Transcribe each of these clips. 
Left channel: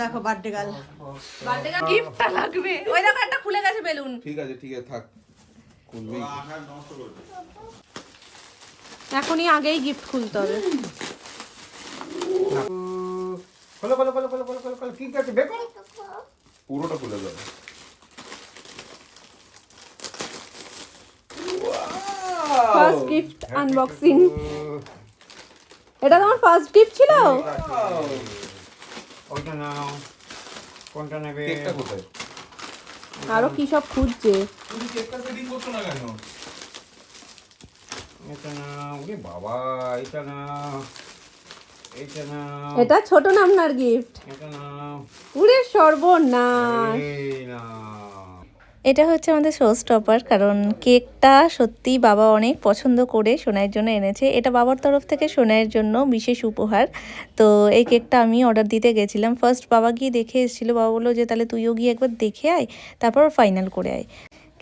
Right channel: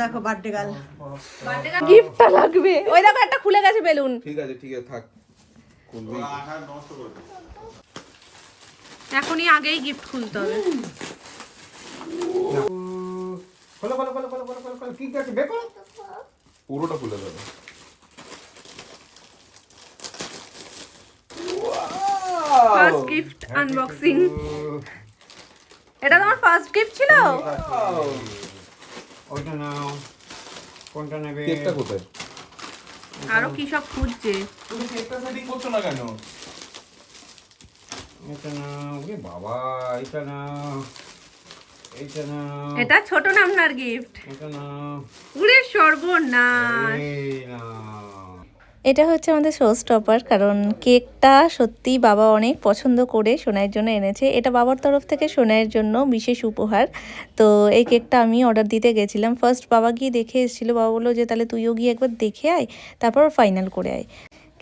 দেখো birthday girl gift লাগবে। ওই দেখো একটা খুলে গেছে বেলুন। ঠিক আছে থাক, খুলবি। এখনই আগেই গিফট খুলতে হবে। খোলো খোলো খোলো খোলো খোলো খোলো খোলো, কি আছে বের করো, পুরোটা খুলে যাবে। First gift unboxing. এটা তোমার ফার্স্ট গিফট ছিল? ওইটা নাও, কোনটা নেবে? কেকটা কোথায়? আরো কি সব খুঁজছে। তুমি কেকটা সেটিং করছো না কেন? এটা নাও, ওরে বাবা, এটা নাও, এটা নাও, এটা ছোট নামনার গিফট। এটা নাও, পুরে সর্বনাশ। এই নাও। এটা হচ্ছে আমাদের শো স্টপার, কারণ কেকটা সত্যি বাবা অনেক পছন্দ করে সোনাইয়ের জন্য এনেছে। এটা বাবার তরফ থেকে সোনাইয়ের জন্য বিশেষ উপহার। তো এই কেকটা আমি অর্ডার দিতে গেছিলাম। ফার্স্ট বাবা গিয়ে দেখে এসেছিলো। বাবা বললো যে তাহলে তুইও গিয়ে একবার দেখে আয়, তারপর ফাইনাল করে আয়।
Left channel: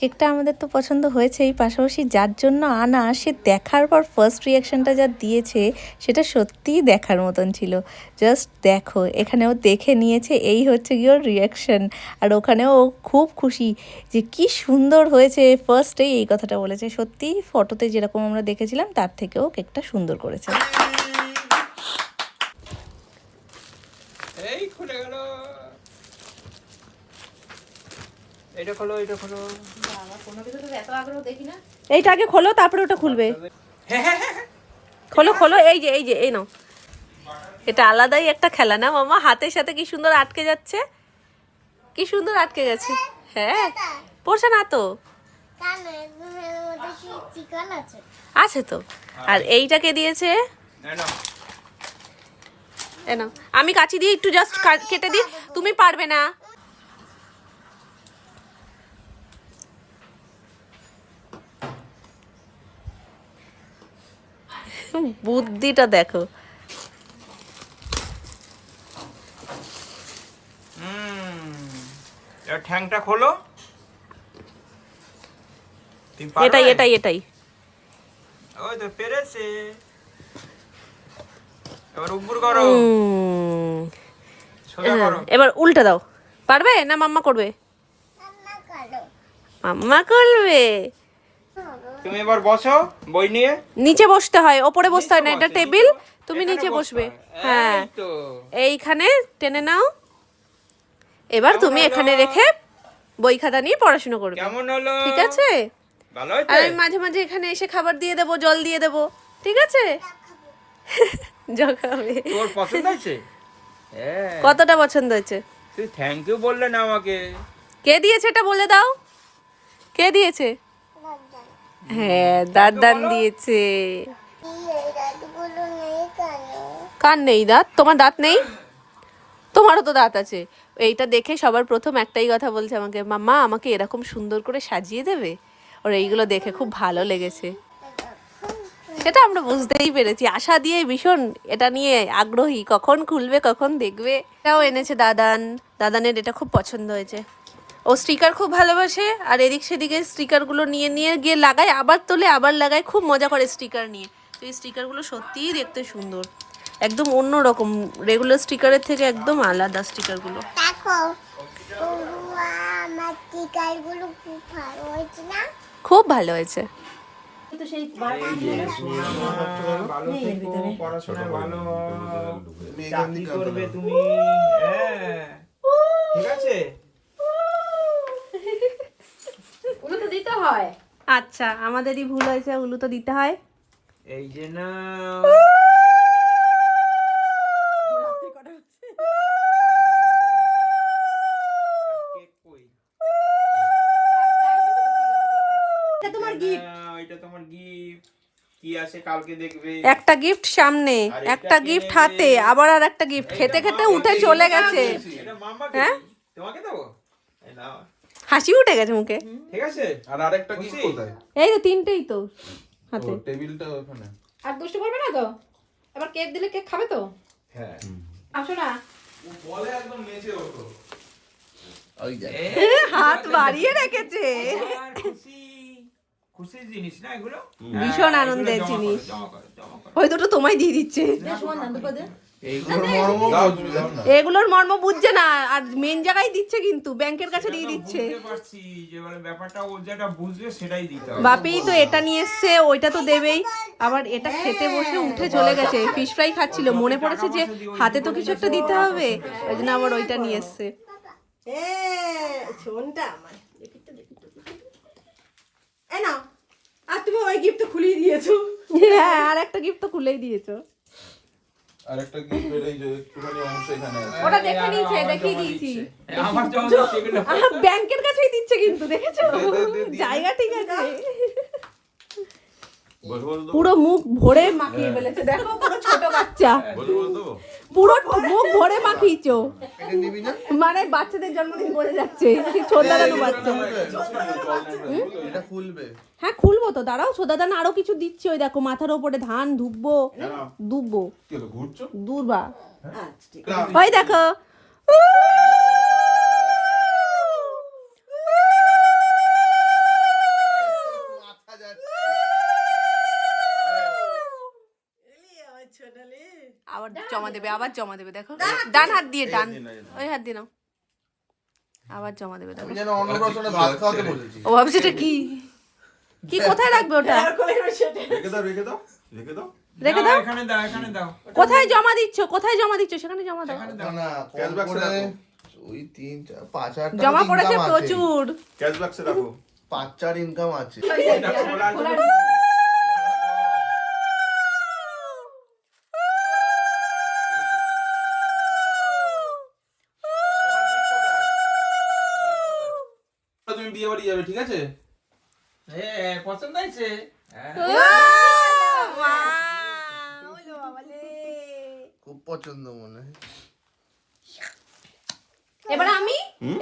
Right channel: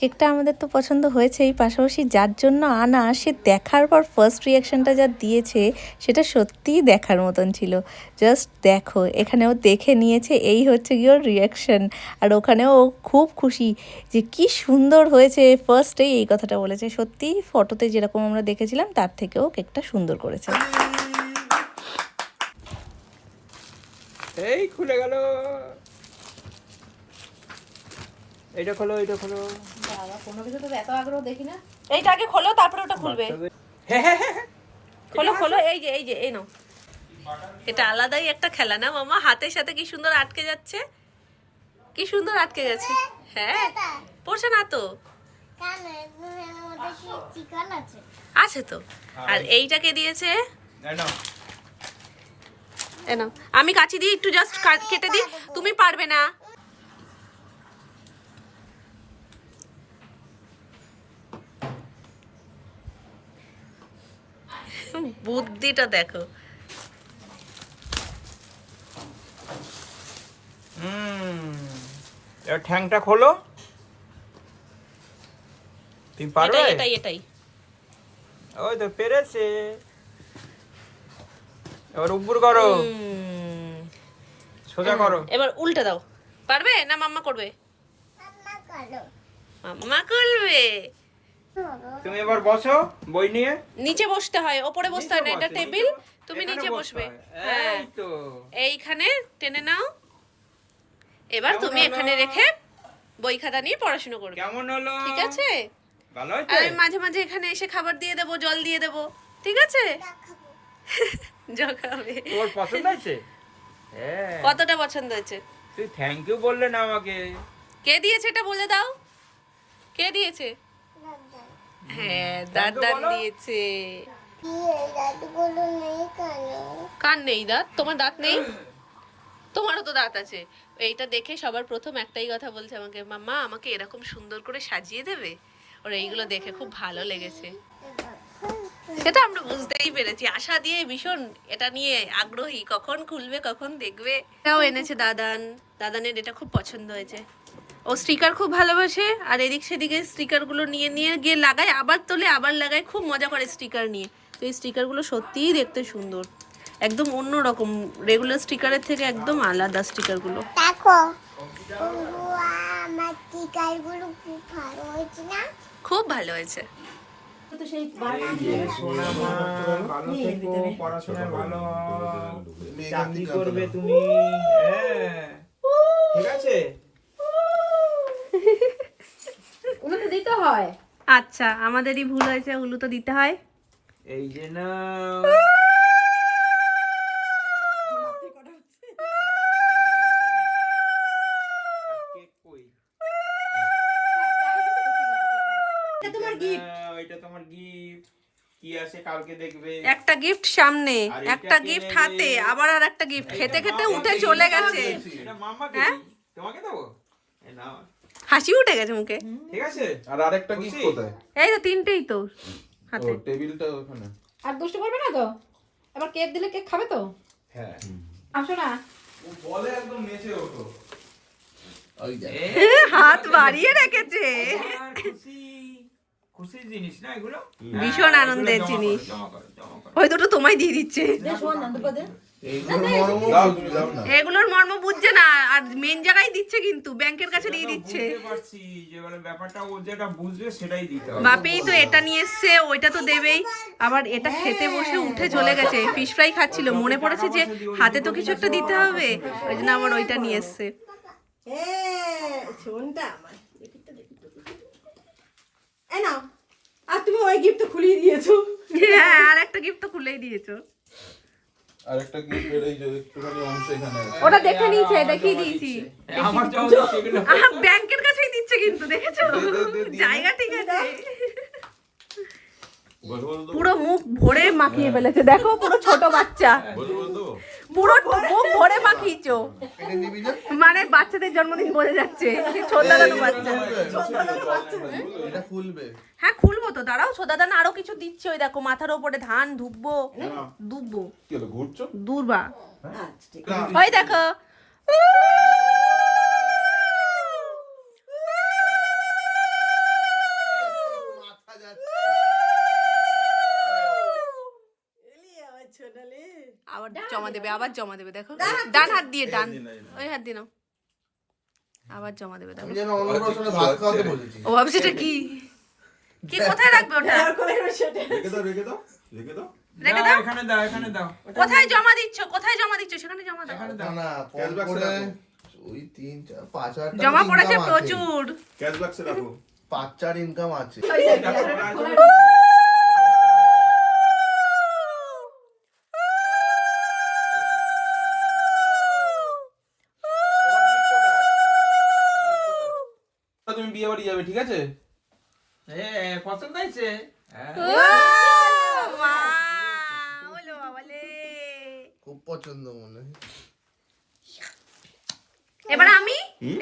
কেকটা আমাদের তো পছন্দ হয়েছেই, পাশাপাশি যার জন্য আনা সে দেখার পর ফার্স্ট রিয়াকশানটা যা দিয়েছে সেটা সত্যিই দেখার মতন ছিল। জাস্ট দেখো, এখানেও দেখে নিয়েছে, এই হচ্ছে কি ওর রিয়াকশান। আর ওখানেও ও খুব খুশি যে কি সুন্দর হয়েছে। ফার্স্টেই এই কথাটা বলেছে। সত্যিই ফটোতে যেরকম আমরা দেখেছিলাম তার থেকেও কেকটা সুন্দর করেছে। এই খুলে গেল, এটা খোলো, এটা খোলো। এত আগ্রহ দেখি না। এইটা আগে খোলো, তারপরে ওটা খুলবে। খোলো খোলো, এই যে এই নাও। এটা আলাদাই একটা খেলা না মামা? হাতের সাথে কি সুন্দর আটকে যাচ্ছে, কি সুন্দর আটকে গেছে। হ্যাঁ, পড়ছে না তো? আছে তো। আর এইটাকে দিয়েছে, আমি কাচি দিয়ে একটু জাস্ট কেটে দিই, তুমি পারবে না। বুদ্ধিটা দেখো। এর ঠ্যাংটা খোলো, তুমি পারবে? এটাই ওই তো পেরেছে। এবার উপর করো, সোজা করো। এবার উল্টে দাও। পারবে না মাম্মা করবে? মাম্মা করবে। তুমি এবার বসো বই নিয়ে। নিচে বসতে হয়, ওপরে বসতে হয় না, এটা টেবিল, তুমি নিচে বসবে। হ্যাঁ, এইখানে টেনে নাও। এবার তুমি এখানে রেখে বই খাতা নিয়ে পড়াশোনা করবে। কেমন হলো? ঠিক আছে? ভালো আর হয়েছে? আমি মাঝে মাঝে এখানে এসে খাবার দিয়ে দেবো, জল দিয়ে দেবো। ঠিক আছে? যা খাবে। তোর পছন্দ হয়েছে? হ্যাঁ। কতটা পছন্দ হয়েছে? তুই থ্যাংক ইউ বললে না আমাকে। কে দিয়েছে এটা বলে দাও। কে দিয়েছে? হ্যাঁ, দাদান দিয়েছে। কার নেই দাঁত? তোমার দাঁত নেই? তোমারও তো দাঁত আছে। এইটা দেখে সবার প্রথম একটাই কথা বলছে আমাকে, মাম্মা আমাকে এরকম সুন্দর করে সাজিয়ে দেবে। ওর এইগুলো দেখে খুব ভালো লেগেছে। সেটা আমরা বুঝতেই পেরেছি, আশা দিয়ে ভীষণ এটা নিয়ে আগ্রহী, কখন খুলবে কখন দেখবে। এটাও এনেছে দাদানের, এটা খুব পছন্দ হয়েছে। ও স্টিকার খুব ভালোবাসে, আর এদিক সেদিকে স্টিকারগুলো নিয়ে নিয়ে গিয়ে লাগায়, আবার তোলে আবার লাগায়, খুব মজা করে স্টিকার নিয়ে। তো এই স্টিকারগুলো সত্যিই দেখতে সুন্দর, একদম অন্য রকম, রেগুলার স্টিকারের থেকে একদম আলাদা স্টিকারগুলো। খুব ভালো হয়েছে। ভালো থেকো, পড়াশোনায় ভালো চাকরি করবে তুমি। হ্যাঁ, ঠিক আছে? উলু তো দিতে হয়। আচ্ছা, আমাদেরই ভুল হয়েছে, উলু তো দিতে হয়। এই যে না, তোমার গিফট। এটা তোমার গিফট। কি আছে কালকে দেখবে। একটা গিফট সামনে, একটা গিফট হাতে, আবার আর একটা গিফট। খেতে খেতে উঠে চলে গেছে। হ্যাঁ, তোমাকে দেবো। এই নাও, হাসি উঠে গেছে মুখে। ঠিক আছে? আর আরেকটা গিফট কোথায়? এই তো তিনটেই তো হাতে। টেবিলটা ওখানে। আর দুষ্টু করবে না তো? এবার কেক দিলে কেক খাবে তো? হ্যাঁ, আসো না। বলে একদম নিচে ওঠো। ওই দেখ, হাত বাড়িয়ে রেখেছে। খুশি খুশি জিনিস না এগুলো? ভীষণ হ্যাঁ, আনন্দের এগুলো জমা জিনিস। করো, জমা করো, জমা করো। ওই দুটো তোমায় দিয়ে দিচ্ছে। দে শোন না দুটো দে। দাও, তুমি দাও না। এগুলোর মর্ম বুঝছে না, আর মেন জায়গায় দিচ্ছে কিন্তু ব্যাংকের কাছে দিয়ে দিচ্ছে। বুঝতে পারছি যে মানে ব্যাপারটা ও যেটা বুঝবে সেটাই দিতে হবে। বাপি তো এটা নিয়ে এসছে, ওইটা তো দেবেই, আবার এটা খেতে বসে উঠে চলে গেছে, ফিশ ফ্রাই খাচ্ছিল, মনে পড়েছে যে হাতে তো কিছু একটা দিতে হবে, ওই জন্য আবার ওইটা নিয়ে এসছে। শোনটা আমার এই নাও, আর তুমি ওই গিফট খুলিয়ে দিয়েছো। হ্যাঁ, আর একটা গিফট তো খুলেই দিয়েছো। আরেকটা গিফটের এই যে একটুখানি অংশ এখানে আছে। ওটা দেখে নিয়েছে, দেখিয়ে দিয়েছি। আমার জন্য সেগুলো ব্যাংকের কাছেই দিচ্ছে কিন্তু, দেখেছো জায়গা ঠিক আছে। পুরো মুখ ভরে মাখিয়ে ফেলেছে, দেখো পুরো ছোট বাচ্চা, পুরো মুখ ভরে মাখিয়েছো। মানে বাচ্চাদের জন্মদিন বোঝা যাচ্ছে, ছোট বাচ্চা। এটা খুলবে। হ্যাঁ খুলবো তো, দাঁড়াও সোদাদান আরো কিছু দিচ্ছে, ওই দেখো মাথার ওপরে ধান ধুববো, দুববো কি হলো, ঘুরছো? দূরবা, আচ্ছা ঠিক আছে। ওই দেখো। আবার জমা দেবে, আবার জমা দেবে, দেখো ডান হাত দিয়ে, ডান ওই হাত দিয়ে নাও, আবার জমা দেবে, দেখো। যেন অন্নপ্রাশনে ভাত খাওয়াতে বলেছি। ও ভাবছে এটা কি কি কোথায় রাখবে ওটা, রেখে দাও, রেখে দাও, রেখে দাও। রেখে দাও। এখানে দাও, এখানে দাও, কোথায় জমা দিচ্ছ, কোথায় জমা দিচ্ছ, সেখানে জমা দাও। এখানে না দাও। না, কম করে ওই 3-4-5,000 টাকা জমা পড়েছে income আছে। প্রচুর। ক্যাশ বাক্সে রাখো। 5-4 ইনকাম আছে। এটা খোলার জন্য তুমি বিয়ে বাড়ি যাবে, ঠিক আছে? পছন্দ হয়েছে? খুব পছন্দ মনে হয়। এবার আমি,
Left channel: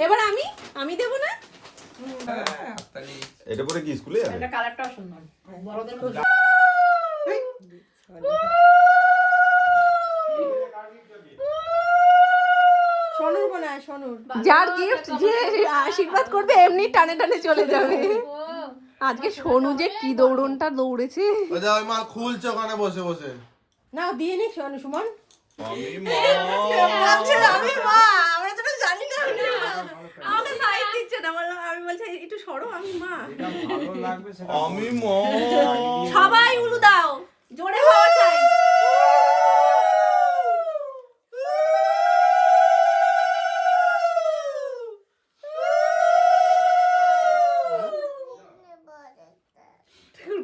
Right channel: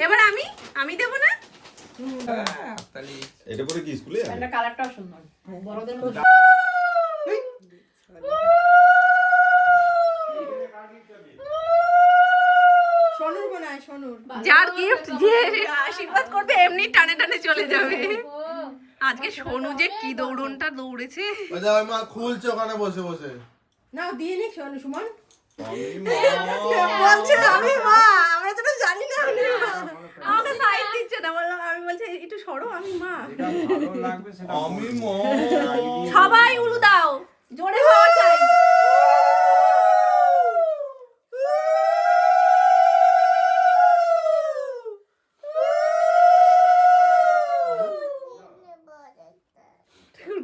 এবার আমি দেবো না। এটা পরে কি স্কুলে যাবে? এটা কালারটাও সুন্দর, বড়দের মতো। সোনুর বানায়, সোনুর। যার গিফট যে আশীর্বাদ করবে এমনি টানে টানে চলে যাবে। আজকে সোনু যে কি দৌড়নটা দৌড়েছে। ওই যা, ওই মাল খুলছে ওখানে বসে বসে। না দিয়ে নি সোনু, সুমন। বলছে আমি মা, আমরা তো জানি না আমি মা। আমাকে সাইড দিচ্ছে না, বললাম আমি, বলছে একটু সরো, আমি মা। এটা ভালো লাগবে সেটা আমি সবাই উলু দাও, জোরে হওয়া চাই।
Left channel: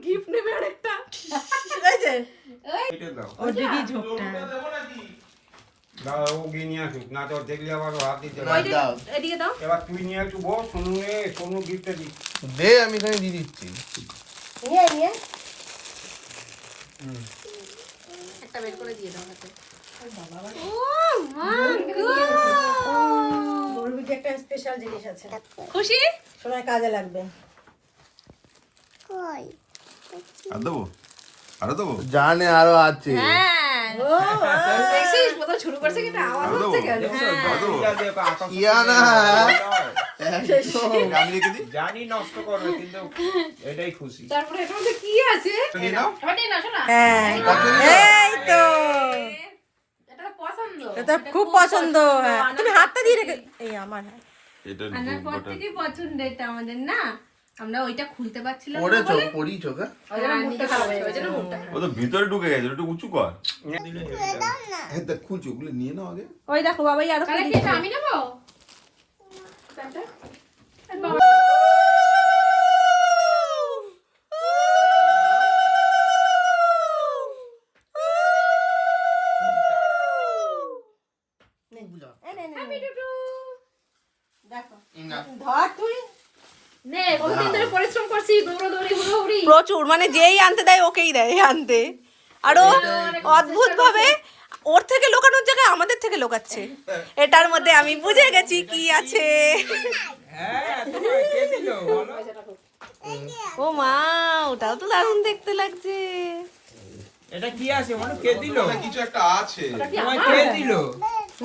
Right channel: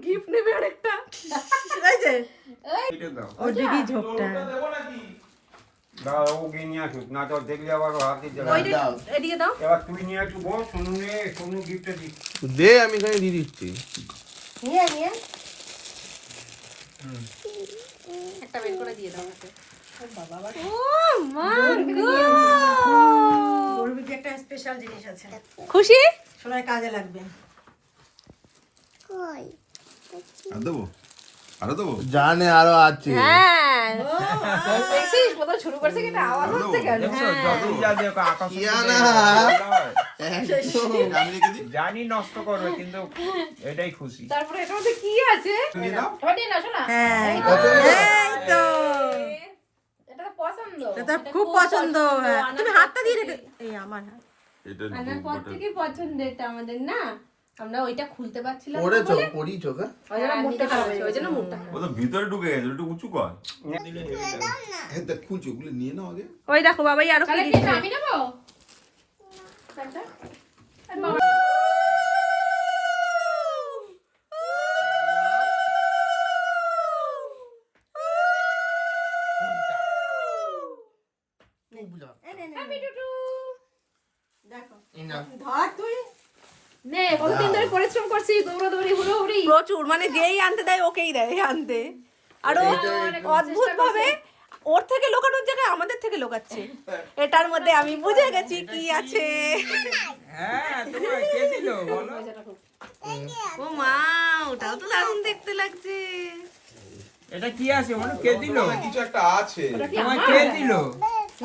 গিফট নেবে আরেকটা, এই যে এটা দাও। ওর দিকেই ঝোঁকটা। দাও, ও গিয়ে নিয়ে আসুক, না তো দেখলে আবার হাত দিতে না, লাগবে। দাও। এদিকে দাও। এবার তুই নিয়ে একটু বস, সোনু গিফটটা দিস। দে, আমি এখানে দিয়ে দিচ্ছি। নিয়ে নিয়ে একটা বের করে দিয়ে দাও হাতে। ওর ভিতরে একটা স্পেশাল জিনিস আছে, খুশি? সোনার কাজে লাগবে। আর দেবো, আরো দেবো, জানে আরো আছে। হ্যাঁ দেখছিস কত শুরু করছে, কিন্তু আওয়াজ হচ্ছে কেন? দেখছো, যতই যা দেখো, আকাশ কিয়ানা। একদম। জানি নষ্ট করবে, কিন্তু এটাই খুশি। তারপরে এটার মধ্যে কি আছে? নিয়ে নাও। এবার নিয়ে নাও, শোনা। হ্যাঁ, এই তো এটা তো পছন্দ। এটা খুব পছন্দ। হ্যাঁ, তুমি হাতটা দিয়ে রেখে, এই আমার হাত আনার পর থেকে পছন্দ এটা আমাদের, না আমরা ওইটা খুলতে পারছিলাম না পড়েছো, বলে পড়িছো কা? মুখটা খারাপ হয়ে গেছে, ওই জন্য মুখটা খারাপ। ও তো ভিতরে ঢুকে গেছে, একটু উঁচু কর। দিলে হেরে যাবে। হ্যাঁ, দেখ খুলছো, ওগুলো নিয়ে নাও আগে। ওই দেখো বাবাই আরো কি তাহলে কি দিচ্ছে। এটা আমি নেবো? ধর তুই। নে, বহুদিন ধরে পরিশ্রম করছি, দৌড়াদৌড়ি, হুড়োহুড়ি। প্রচুর, মানে যেই আনতে দেয় ওকেই দেয় আনতে, আরো অদ্ভুত ভাবে ওর থেকে লোকানোর জায়গায় আমাদের থেকে লোকাচ্ছে। এটার মধ্যে আমি বুঝে গেছি কি আছে। হ্যাঁ, তোমার কে দিল বলো? ও মা, ওটাও তো দারুণ দেখতে লাগছে। এটা কি আছে বলো, কে দিল? কিছু একটা আছে। তোমার কে দিল?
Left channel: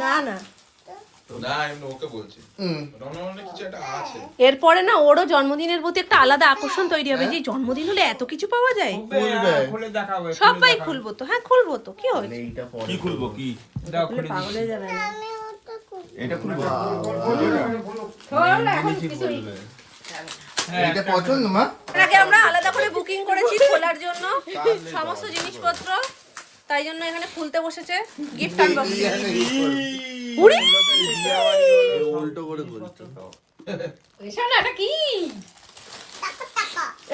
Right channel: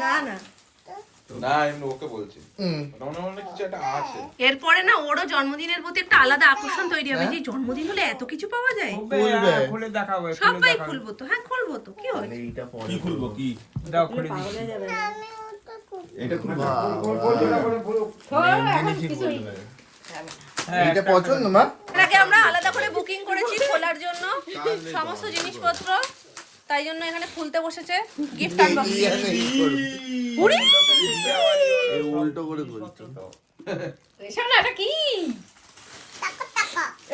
না না, না আমি ওকে বলছি মনে কিছু একটা আছে। এরপরে না ওরও জন্মদিনের প্রতি একটা আলাদা আকর্ষণ তৈরি হবে, যে জন্মদিন হলে এত কিছু পাওয়া যায়। খুলে দেখাবো সবাই খুলবো তো, হ্যাঁ খুলবো তো, কি হয়? কি খুলবো কি? দাও খুলে দিচ্ছি। এটা খুলবো। এটা পছন্দ মা? এর আগে আমরা আলাদা করে বুকিং করেছি খোলার জন্য সমস্ত জিনিসপত্র, তাই জন্য এখানে খুলতে বসেছে গিফট আনবক্সিং। উল্টো করে বলছো। রেশন এটা কি?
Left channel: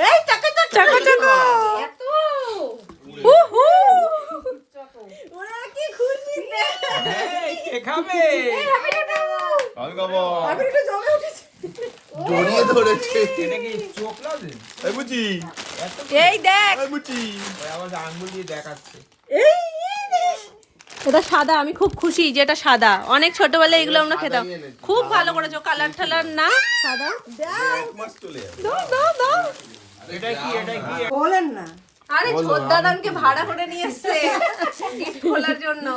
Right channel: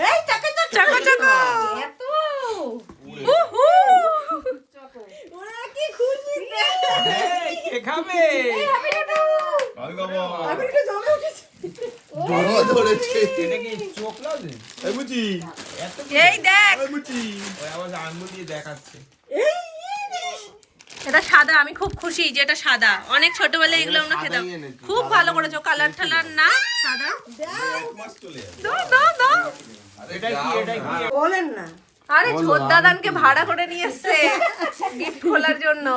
এই চাকা চাকা চাকা এত উহু ওরা কি খুশি রে। এই কে খাবে? আমি খাবো। জড়িয়ে ধরেছে। এটা কি চোখ না যে? এই বুঝি। এই দেখ এই বুঝি। আঙ্গুল দিয়ে দেখাচ্ছে। এটা সাদা, আমি খুব খুশি যে এটা সাদা। অনেক ছোটবেলায় এগুলো আমরা খেতাম, খুব ভালো করেছো, কালার ঠালার না সাদা। এক মাস চলে যাবে। দাও দাও দাও। এটা কি এটা কি? আরে ছোটদাদানকে ভাড়া করে নিয়ে এসছে গিফট খোলার জন্য।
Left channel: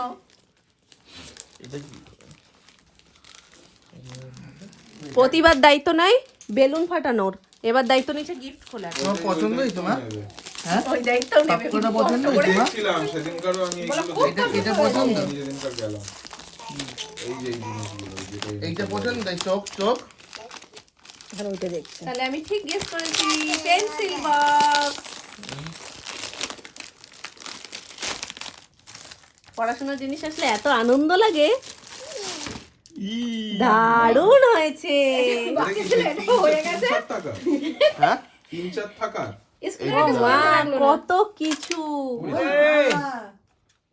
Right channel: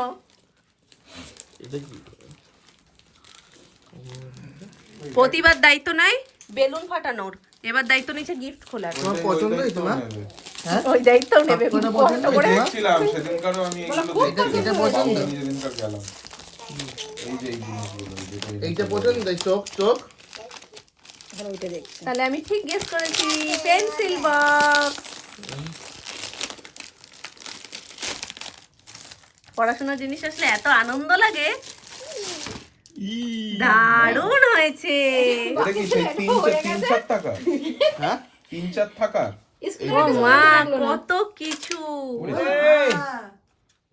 প্রতিবার দায়িত্ব নাই বেলুন ফাটানোর, এবার দায়িত্ব নিচ্ছে গিফট খোলার। তোমার পছন্দ হয়েছে মা? ওই দায়িত্বও নেবে সবকটা কষ্ট করে। দেখছিলাম সেদিনকারও আমি এগুলো এটা পছন্দ? আমি যেদিনকার গেলাম এই যে এই জিনিসগুলো এইটা পছন্দ? তাই চোখ চোখ তাহলে আমি ঠিক গেস করেছি, পেন্সিল বক্স। পড়াশোনার জিনিস আসলে এত আনন্দ লাগে, দারুণ হয়েছে। এটা কি 3-4 টাকা? হ্যাঁ 3-4 টাকা? ও মা কত কিছু।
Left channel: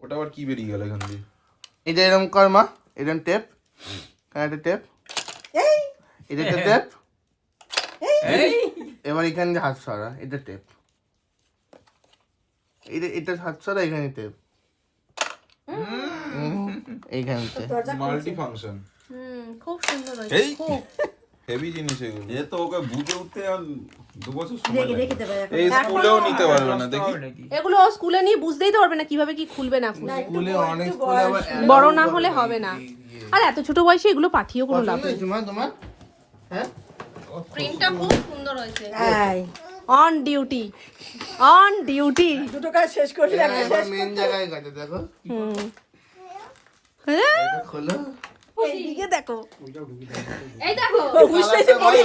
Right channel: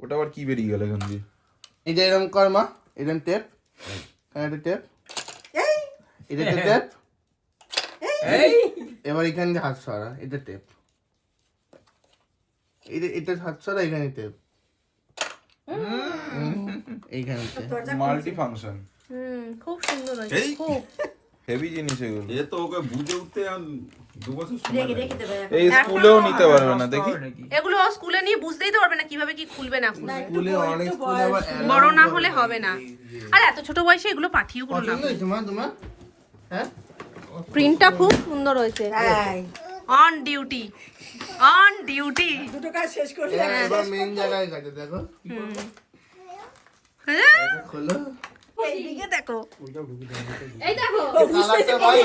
ওটা আবার কি বেরিয়ে গেল এখান দিয়ে? এটা এরকম কর মা, এরকম টেপ, এটা টেপ, এটা টেপ, এবার এখানে দিয়ে হাত সরা, এটা টেপ, এটা হাত সরা, এখানে টেপ, এইখানে টেপ। মাল্টি ফাংশন খুব সুন্দর হয়েছে, এই। খুব। হেভি জিনিস এগুলো। এ তো ওকে বুঝে উঠতে 2 বছর সময় লাগে। এই স্কুলেও নিতে পারবে না দেখি। এগুলো স্কুলে নিয়ে বুঝতেই তো পারবে না কিভাবে কি খুলবে না খুলবে। স্কুলে অনেক স্কুলে আবার বড় না হলে হবে না। আর এত ছোট বয়সে এগুলো পাঠিয়েও কোনো লাভ পছন্দ নেই। হয়েছে মা তোমার? হ্যাঁ প্রিন্টটা খুব সুন্দর হয়েছে। On duty, on duty. এবার মেন জায়গায় গেছে, দেখো হ্যাঁ এটা খোলো। এইদিকে দেখো, এই দেখো কালারটা ভালো।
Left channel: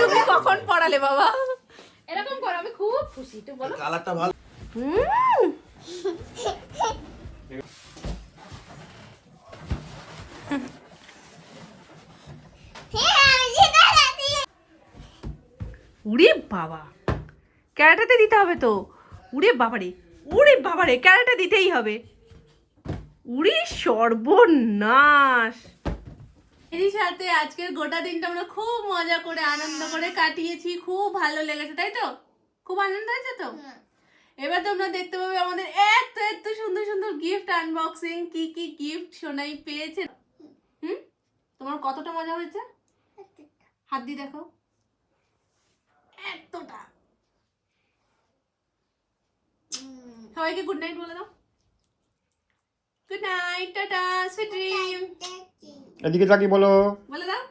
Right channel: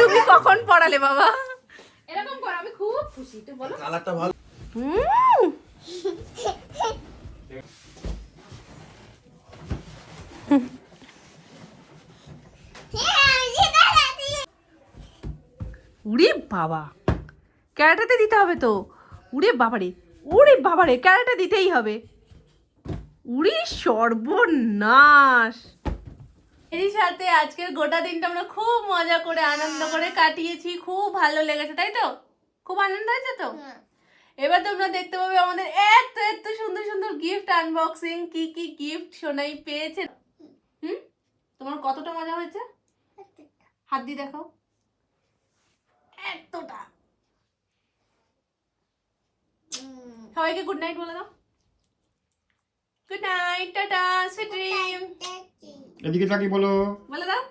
তুমি কখন পড়ালে বাবা? এরকম কর, আমি খুব খুশি। তুই বলো কালারটা ভালো। উড়ে বাবা, ক্যারাটাতে দিতে হবে তো। উড়ে বাবারে, উড়ে বাবারে, ক্যারাটা দিতেই হবে। উড়ে সর্বনাশ। এরই সাথে আজকের গোটা দিনটা আমরা খুব মজা করে আনন্দ করে কাটিয়েছি, খুব ভালো লেগেছে, তাই তো? খুব আনন্দ হয়েছে তো? এবার তোমরা দেখতে পাবে আমাদের এত এত সুন্দর সুন্দর গিফট আনবক্সিং, কি কি গিফট সোনাই পেয়েছে। তোমার কতটা মজা হয়েছে? হাত দিয়ে দেখো, এতটা। সবাইকে গুড নাইট বলে দাও। Good night, tata, sweet dream এদিকে তাকি বলো। বলে দাও।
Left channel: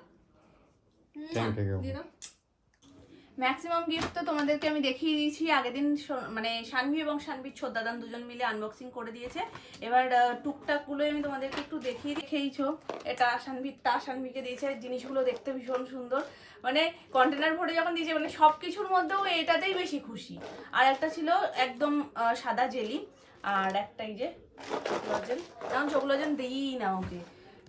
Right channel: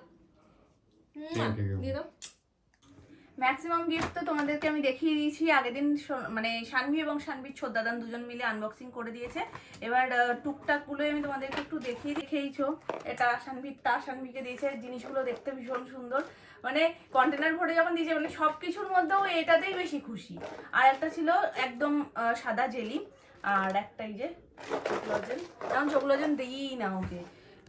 Thank you. দিয়ে দাও। ম্যাক্সিমাম গিফট তো তোমাদেরকে আমি দেখিয়ে দিয়েছি আগের দিন, মানে শানভি এবং শানভির ছোটদাদান দুজন মিলে আনবক্সিং করে দিয়েছে। এবার টুকটাকগুলো আমি তোমাদেরকে একটু দেখিয়েছো। এটা শানভির, তা শানভিকে দিয়েছে। জিনিসগুলো দেখতে ভীষণ সুন্দর, মানে কন্টেনার ভরে যখন দিয়েছে, মানে সব কিছুর মধ্যেও এটাতেই বেশি খুশি। আর একটা ছিল একদম সাদা জেলি, আর একটাই যে চকোলজেন, কারণ চকোলজেন দিই না ওকে,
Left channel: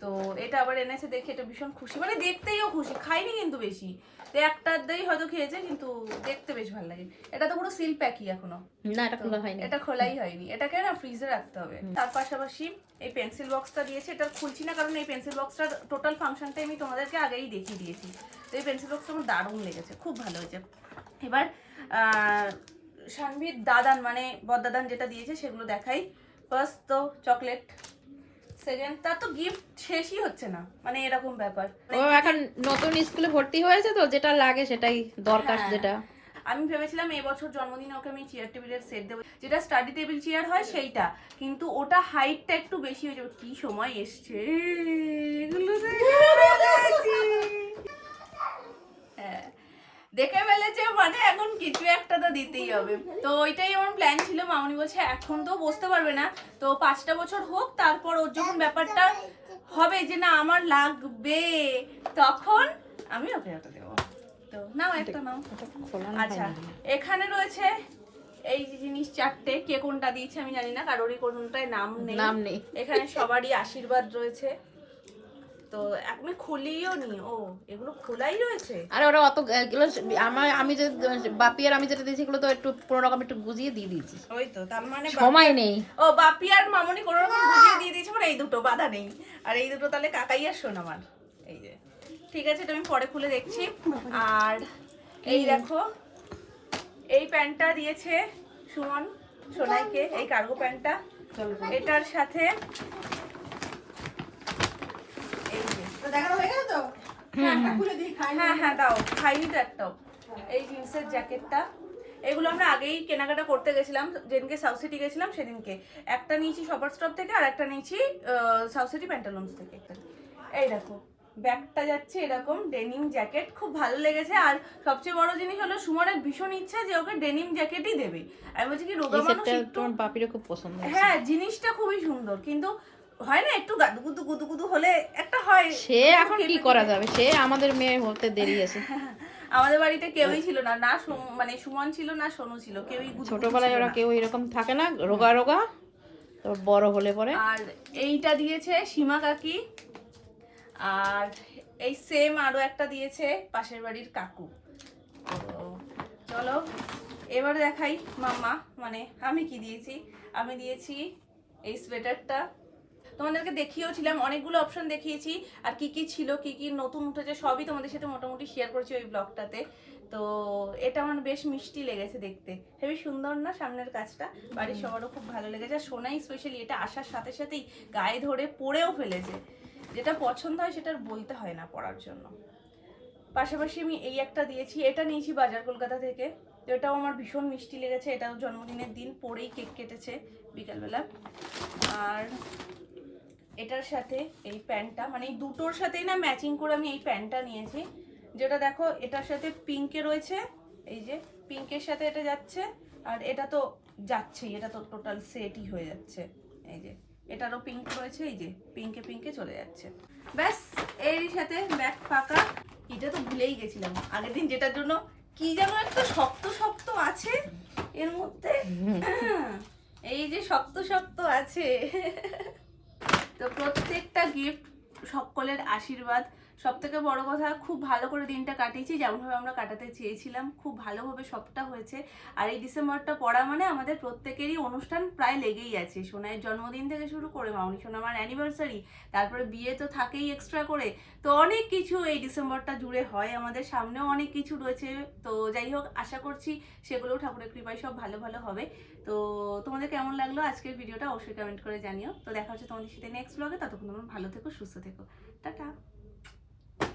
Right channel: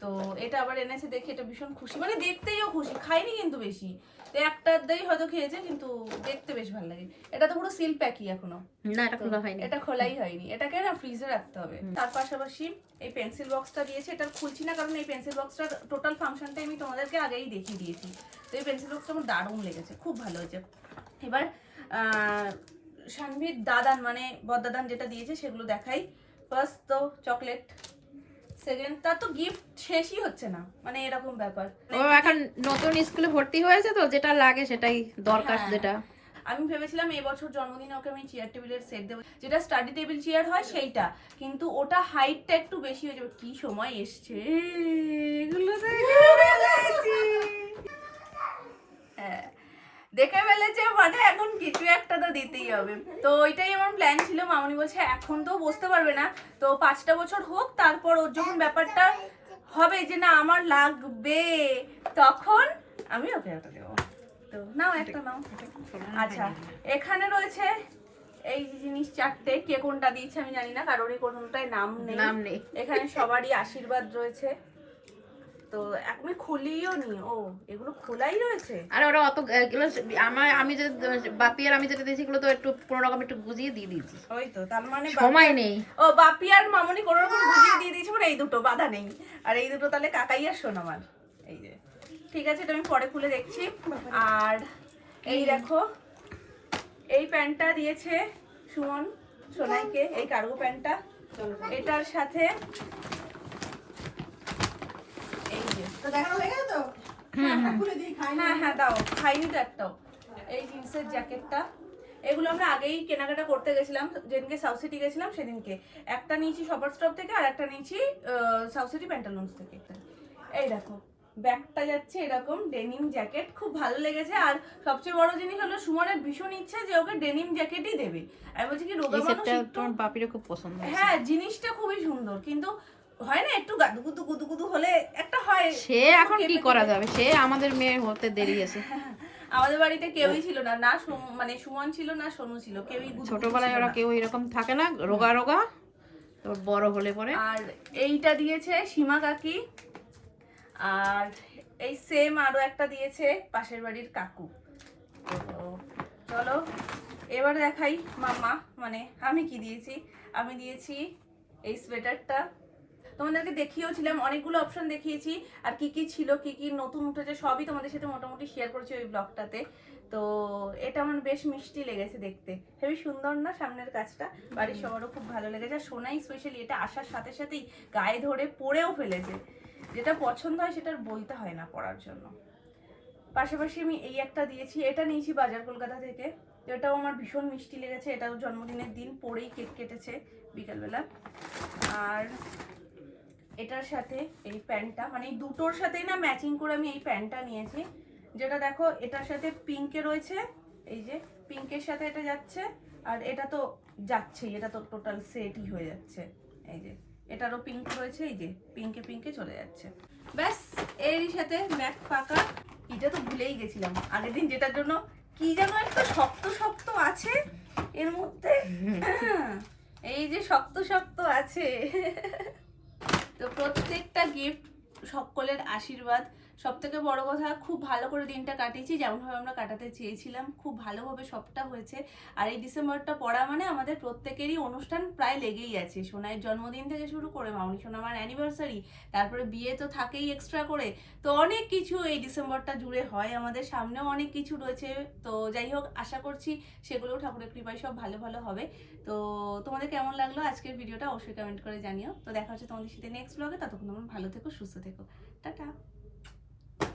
তো এটা আবার এনেছে দেখে এটা ভীষণ খুশি, মানে দেখতেইও খুশি। খাইনি কিন্তু বেশি, তো একটাতেই হয়তো খেয়েছে, কিন্তু দেখতে বেশ ভালো লাগে। এটা তো পুরো সিল প্যাকই এখনো, না, এটা খোলা হয়নি। এটা খোলাই হয়নি, এটাকে না ফ্রিজে রাখতে হবে। তার পাশাপাশি এই পেন্সিল বক্সটা দিয়েছে, এটা খুলছি না কারণ এই পেন্সিল বক্সটার টোটাল ফাংশনটাই আমি তোমাদেরকে আগেই দেখিয়ে দিয়েছি। তো এই পেন্সিল বক্সটা আমার দারুণ লেগেছে, খুব ভালো হয়েছে। এবার শানভির দাদান, মানে বড়দাদান যেটা দিয়েছে সেগুলো দেখাই। ফার্স্ট তো চকলেট, সেকেন্ড তার তো গিফট শেষই হচ্ছে না, মানে এরকম ব্যাপার। ও এখন নতুন স্কুলে ভর্তি হয়েছে তো, যেটা লাগে সেটাই দরকার। হ্যাঁ। যেটা আমি ভেবেছিলাম এবছর জন্মদিনে ওকে আমি চেয়ার টেবিলের সেট দেবো, যেটা স্টাডি টেবিল চেয়ার হয় সেইটা, কিন্তু ওটা হাইটটা একটু বেশি হয়ে যাবে। কি সময় এসছে এগুলো হ্যাঁ, দেখে ফেলেছে মানে এখন কিছু একটা তো দিতেই হবে। তো ওইটাই আমার প্ল্যান ছিল। মামনি বলছে এখন তো বসতে পারবে না, তো 5টা বছর হোক, তারপর ওর যখন ব্যাপারটা হবে যে না আমার লাগবে, তখন আমি ওকে একটা দেবো। তো নাও একটা নাও। আচ্ছা, এখানে রয়েছে এই যে জিনিস 4টে। কে কোনটা দিয়েছে আমি জানি না, কারোরই কোনটায় নাম নেই। এখানে সবারই আশীর্বাদ রয়েছে। তো আমি খুলিও নি। ও, এগুলো খোলাই রয়েছে। আরে ওরা অত এগুলো আমি যে বাপি আর আমি যেটা দিয়েছি এগুলো তো একটু কোনো রকম একটু গুজিয়ে দিয়ে দিয়েছি, ওই তো, তার মানে সময় নেই। ও, বাপি আর মামনি কোনো রকম বুঝিয়ে দিয়ে দিয়েছে, মানে এই দুটো বাধা নেই। আর এই দুটো তাহলে কাকাই আর সোনামার। এই যে ঠিক আছে, এটা আমি পরে খুলে দেখছি। আর এই দেখো, এই প্যান্টটা দিয়েছে সুমন সোনাইকে, এই কার্গো প্যান্টটা। এটার সাথে এই যে, হ্যাঁ হ্যাঁ দাও, খাইনি তো একটাও। এই জিন্সের জ্যাকেটটা, এগুলো আমরা আগেই কেনাকাটা করতে গেছিলাম, যেদিনকে সাউথ সিটি গেছিলাম সেদিনকে। একটা নিয়েছি শপার স্টপ থেকে, আর একটা নিয়েছি সাউথ সিটি প্যান্টালুন্স থেকে। এই দেখো, ব্যাগটা যাচ্ছে এরকম ডেনিম জ্যাকেট, খুব ভালো লেগেছে। আর সবচেয়ে বড় জিনিস হলো সুমনের ভীষণ ইচ্ছা যে ওকে ডেনিম জ্যাকেটই দেবে। আমি বলছি কি রোগা মানুষ, তোমার বাপিরও খুব পছন্দ। হ্যাঁ জিনিসটা খুবই সুন্দর, কিন্তু হয় না একটু গাদুগুদু গুদুগুদু হলে একটা হয়। সে এখন কি করা যাবে, সে আমাদের মেয়ে হতে দেরি আছে। আমাদের বাড়িতে কেউই ছিল না, না মানে সুমন ছিল না সোনু ছিল, কেউই ছোটবেলায় ওরা কেউ এরকম থাকে না, রোগা রোগা, তারপর বড় হলে পরে। আর এইটা দিয়েছে সীমা কাকি, আর এই সেম আরো একটা দিয়েছে পাশের বাড়ির কাকু। তো চলো এবার দেখাই মাম্মা, মানে আমি কি দিয়েছি। আমি দিয়েছি এই সোয়েটারটা, তোমাদেরকে দেখিয়েওছিলাম, অনেকগুলো অপশন দেখিয়েছি। আর কি কি ছিল, কি কি নতুন উঠেছে সবই তোমাদের সাথে মোটামুটি শেয়ার করেছি ওই ব্লগটাতে। তো এটা আমার বেশ মিষ্টি লেগেছে দেখতে, হেবি সুন্দর না সামনের কাজটা, বাড়ির সবারও খুব ভালো লেগেছে। আর সোনাই স্পেশালি এটা আসার সাথে সাথেই গায়ে ধরে পরেও ফেলেছে, যেটা পছন্দ হয় সেটার বলতে হয় না পরার জন্য। পাশাপাশি আমি এই একটা দিয়েছি, এটা নিয়েছি বাজার কলকাতা থেকে। তো এটাও আমার ভীষণ মিষ্টি লেগেছে, এটাও জন্মদিনের দিন পরেই কেক কেটেছে বিকালবেলা। আর এটার সাথে এই প্যান্টটা, মানে এই দুটোর সাথেই না ম্যাচিং করে আমি এই প্যান্টটা নিয়েছি, যেটা দেখো এটার সাথে পিঙ্কে রয়েছে, এই যে পিঙ্কের সাথে এটা যাচ্ছে, আর এটা তো যাচ্ছেই, এটা তো টোটাল সেটই হয়ে যাচ্ছে। এই যে এটারও পিঙ্ক রয়েছে, এই যে পিঙ্কে পিঙ্কে চলে যাচ্ছে। ব্যাস, এরই সাথে ব্যাগ ফাঁকা। এটা তো ভুলেই গেছিলাম আগের দিন, যেটার জন্য কি যেন একটা শক্ত শক্ত আছে এর মধ্যে, এই যে শক্ত শক্ত আছে। তো প্রত্যেকটা গিফট সকলের আশীর্বাদ। সব থেকে বড় কথা, খুব ভালো করে দিনটা কাটিয়েছি, যেমনভাবে আমরা কাটাতে চেয়েছিলাম, খুব ভালোভাবে সবটা হয়েছে। আর এই ডিসেম্বরটা পড়া মানে আমাদের প্রত্যেকেরই অনুষ্ঠান প্রায় লেগেই আছে, সোনাইয়ের জন্মদিন থেকে শুরু করে মামনি সোনামার অ্যানিভার্সারি, তারপরে বিয়ে তো থাকেই এক্সট্রা করে। তো অনেক কিছু এই ডিসেম্বরটা জুড়ে হয়, আমাদের সামনেও অনেক কিছু রয়েছে। তো যাই হোক, আশা করছি সেগুলোও ঠাকুরের কৃপায় সব ভালো ভালো হবে। তো তোমাদের কেমন লাগলো আজকের ভিডিওটা অবশ্যই কমেন্ট করে জানিও। তো দেখা হচ্ছে তোমাদের সাথে নেক্সট ব্লগে, ততক্ষণ তোমরা ভালো থেকো, সুস্থ থেকো, টাটা।